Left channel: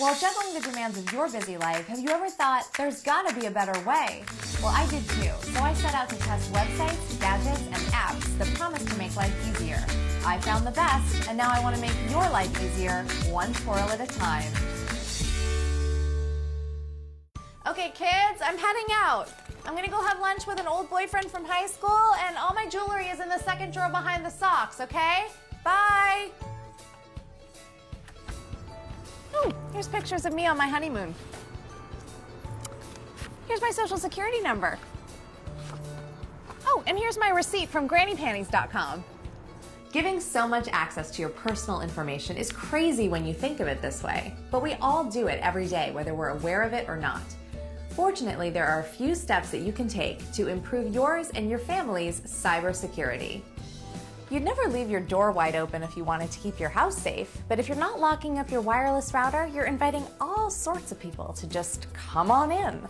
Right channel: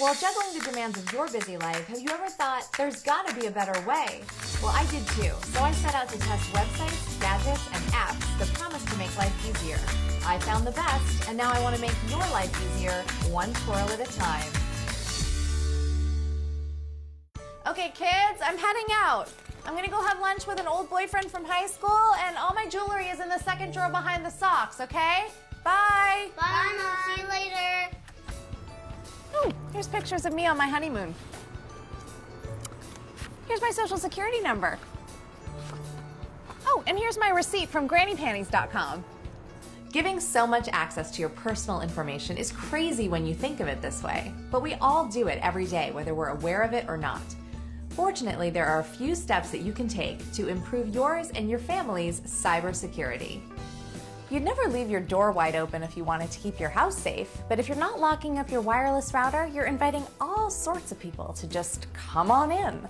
Well, juggling the demands of your busy life, have you ever thought, there's gotta be a better way? Well, I did too. So I set out to test websites, gadgets, and apps that promise to make life easier. I found the best, and now I want to make your life easier, one twirl at a time. Okay, kids, I'm heading out. I'm gonna go have lunch with an old boyfriend from high school, and all my jewelry is in the second drawer behind the socks, okay? Bye! Bye, Mom. See you later. Oh, here's pictures of me on my honeymoon. Here's my social security number. Oh, and here's my receipt from grannypanties.com. Giving so much access to your personal information is crazy when you think of it this way, but we all do it every day, whether we're aware of it or not. Fortunately, there are a few steps that you can take to improve yours and your family's cybersecurity. You'd never leave your door wide open if you wanted to keep your house safe, but if you're not locking up your wireless router, you're inviting all sorts of people to just come on in.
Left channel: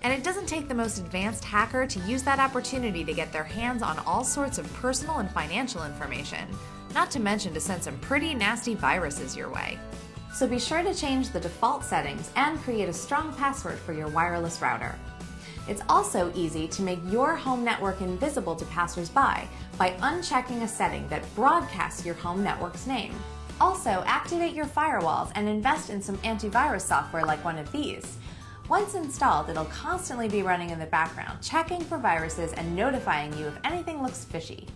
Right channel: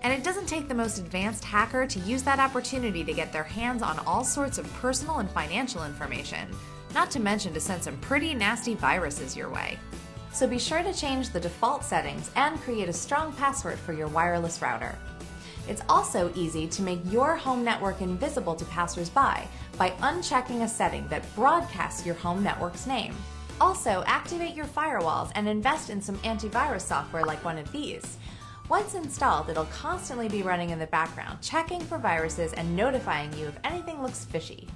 And it doesn't take the most advanced hacker to use that opportunity to get their hands on all sorts of personal and financial information, not to mention to send some pretty nasty viruses your way. So be sure to change the default settings and create a strong password for your wireless router. It's also easy to make your home network invisible to passersby by unchecking a setting that broadcasts your home network's name. Also, activate your firewalls and invest in some antivirus software like one of these. Once installed, it'll constantly be running in the background, checking for viruses and notifying you if anything looks fishy.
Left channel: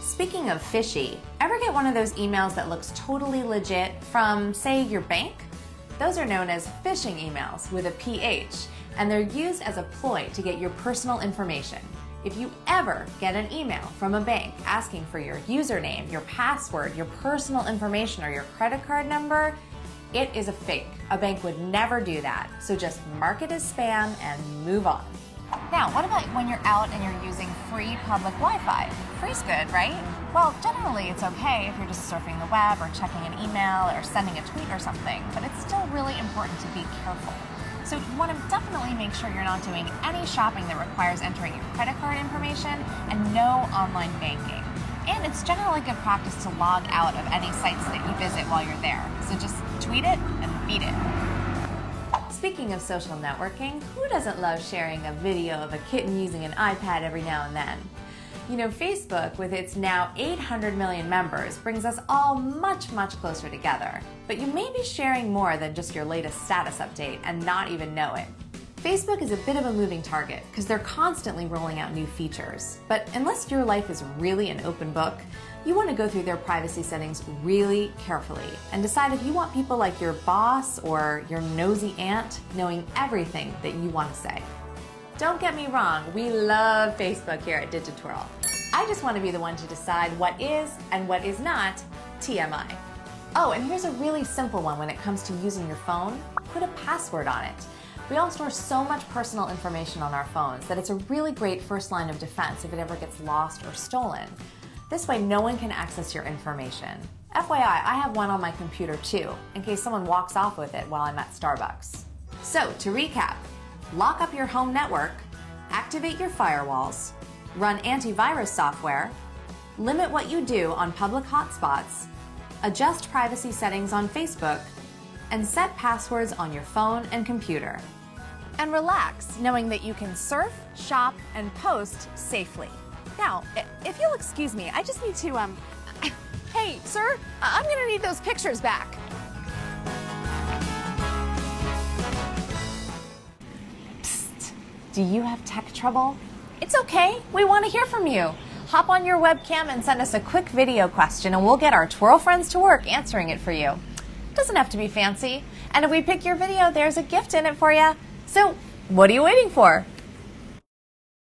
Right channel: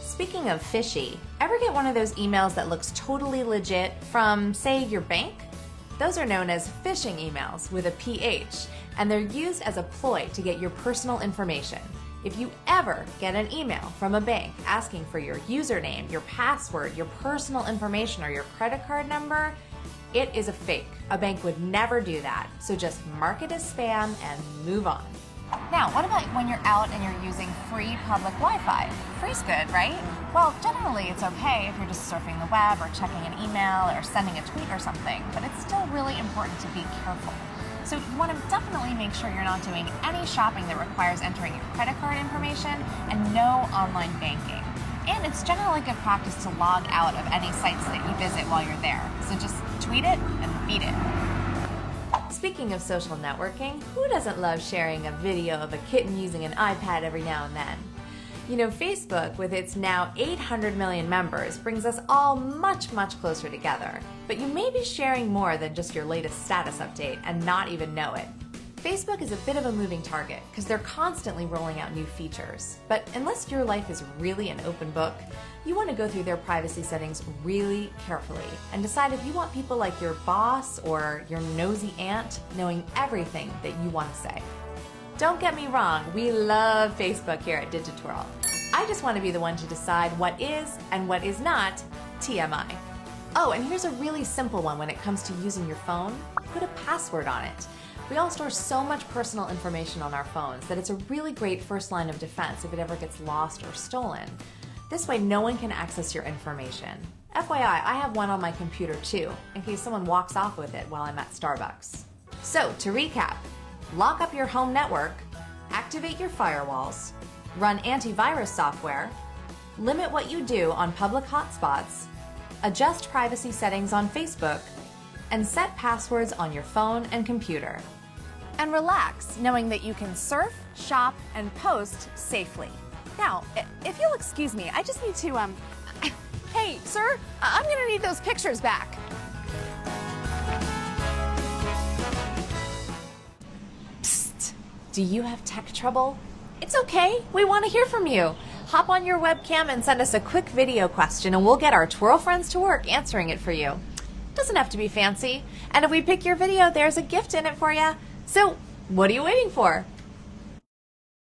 Speaking of fishy, ever get one of those emails that looks totally legit from, say, your bank? Those are known as phishing emails with a PH, and they're used as a ploy to get your personal information. If you ever get an email from a bank asking for your username, your password, your personal information, or your credit card number, it is a fake. A bank would never do that, so just mark it as spam and move on. Now, what about when you're out and you're using free public Wi-Fi? Free's good, right? Well, generally it's okay if you're just surfing the web or checking an email or sending a tweet or something, but it's still really important to be careful. So you want to definitely make sure you're not doing any shopping that requires entering your credit card information and no online banking. And it's generally good practice to log out of any sites that you visit while you're there. So just tweet it and beat it. Speaking of social networking, who doesn't love sharing a video of a kitten using an iPad every now and then? You know, Facebook, with its now 800 million members, brings us all much, much closer together. But you may be sharing more than just your latest status update and not even know it. Facebook is a bit of a moving target because they're constantly rolling out new features. But unless your life is really an open book, you want to go through their privacy settings really carefully and decide if you want people like your boss or your nosy aunt knowing everything that you want to say. Don't get me wrong, we love Facebook here at Digitwirl. I just want to be the one to decide what is and what is not TMI. Oh, and here's a really simple one when it comes to using your phone. Put a password on it. We all store so much personal information on our phones that it's a really great first line of defense if it ever gets lost or stolen. This way no one can access your information. FYI, I have one on my computer too, in case someone walks off with it while I'm at Starbucks. So, to recap, lock up your home network, activate your firewalls, run antivirus software, limit what you do on public hotspots, adjust privacy settings on Facebook, and set passwords on your phone and computer. And relax, knowing that you can surf, shop, and post safely. Now, if you'll excuse me, I just need to, hey, sir, I'm gonna need those pictures back. Psst, do you have tech trouble? It's okay, we want to hear from you. Hop on your webcam and send us a quick video question and we'll get our twirl friends to work answering it for you. Doesn't have to be fancy. And if we pick your video, there's a gift in it for you. So, what are you waiting for?